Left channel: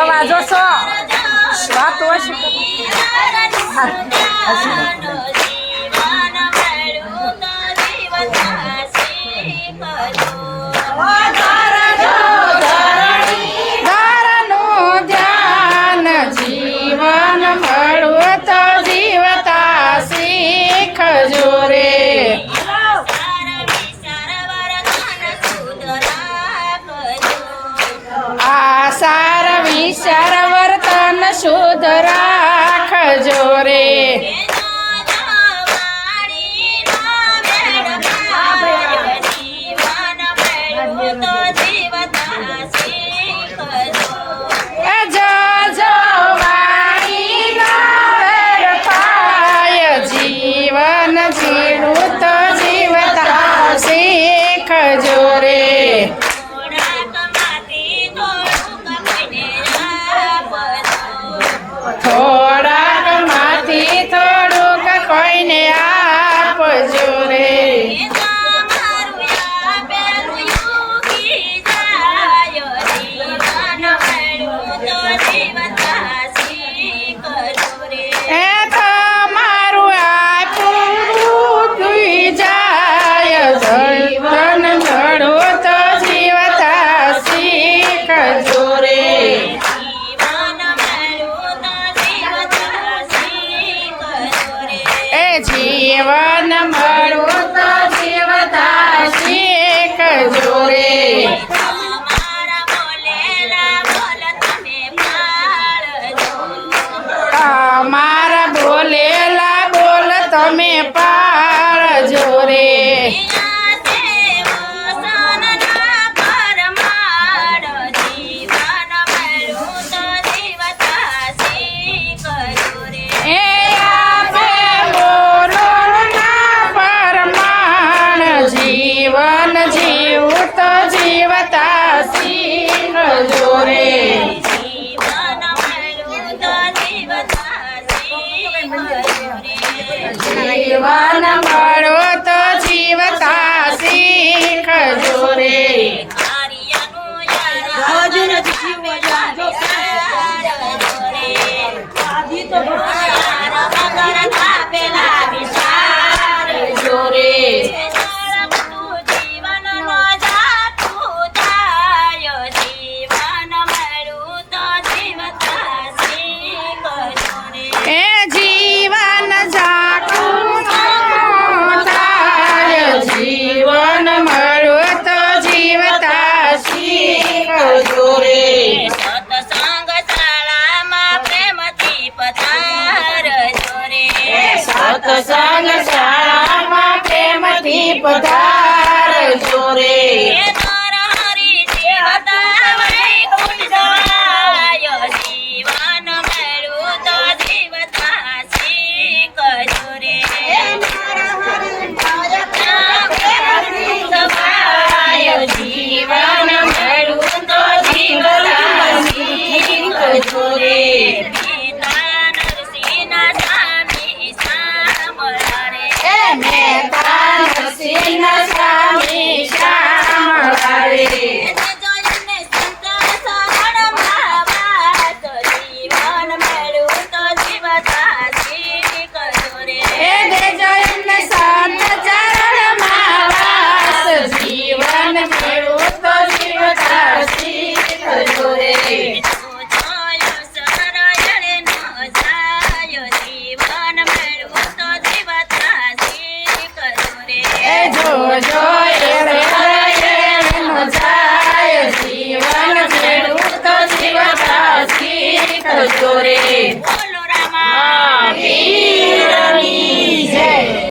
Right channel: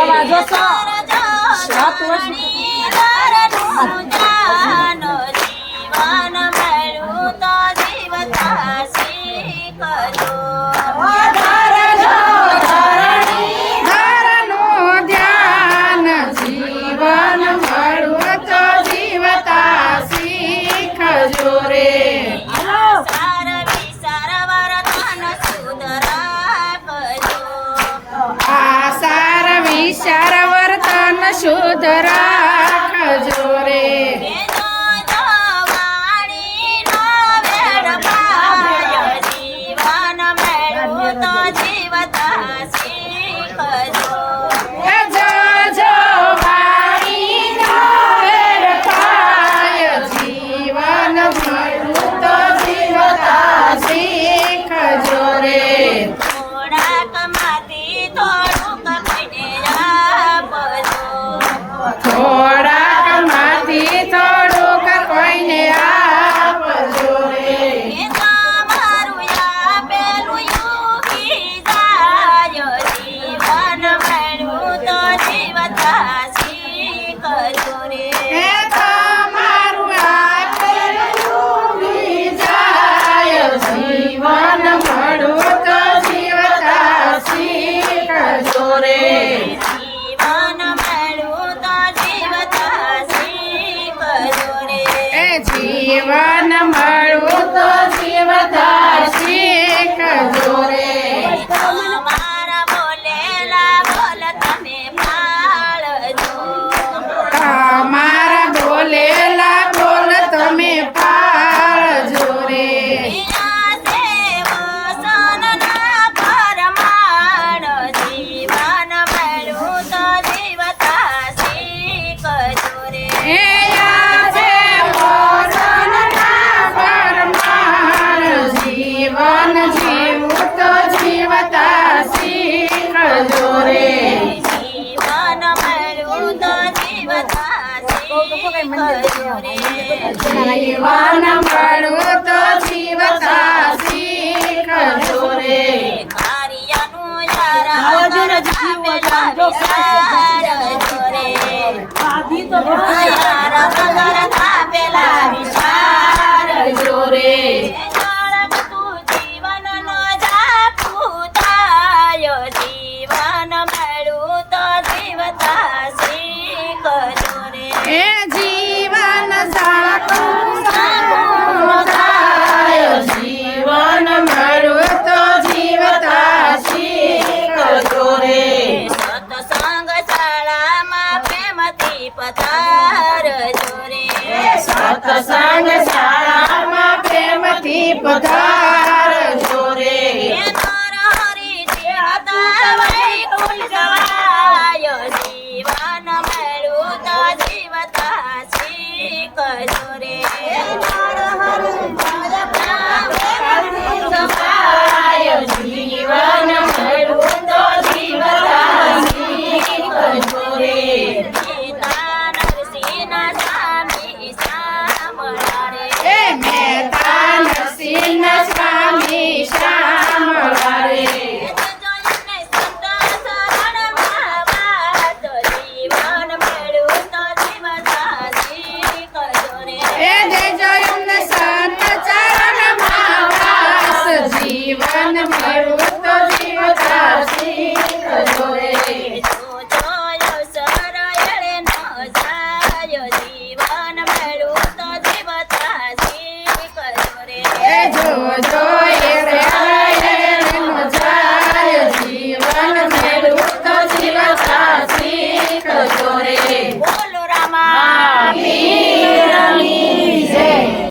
અવાજો છો વાતો હશે વિચાર વર્તન શુદ્ધ રાખજો રે જીવન જીવું તો જીવતા શીખજો રે થોડાક માંથી થોડુંક કોઈને આપજો રે એ તમારું આપેલું દુઈ જાય જીવન ઘડું તો જીવતા શીખજો રે જીવન મળું તો જીવતા શીખજો રે તમારા બોલેલા બોલ તમે પાળજો રે જીવન જીવું તો જીવતા શીખજો રે જીવન મળું તો જીવતા શીખજો રે એ જીવન જાખું થાય જીવન મળું તો જીવતા શીખજો રે સત્સંગ શાળામાં પ્રેમથી પધારજો રે સત્સંગ શાળામાં પ્રેમથી પધારજો રે જીવન મળું તો જીવતા શીખજો રે જીવન મળું તો જીવતા શીખજો રે પિતા નરસિંહ સ્વામી સાંભળા રે મહેતા નરસિંહ સ્વામી સાંભળા રે જીવન મેવું તો જીવતા શીખજો રે જો જો એળે નો જાય જીવન મેવું તો જીવતા શીખજો રે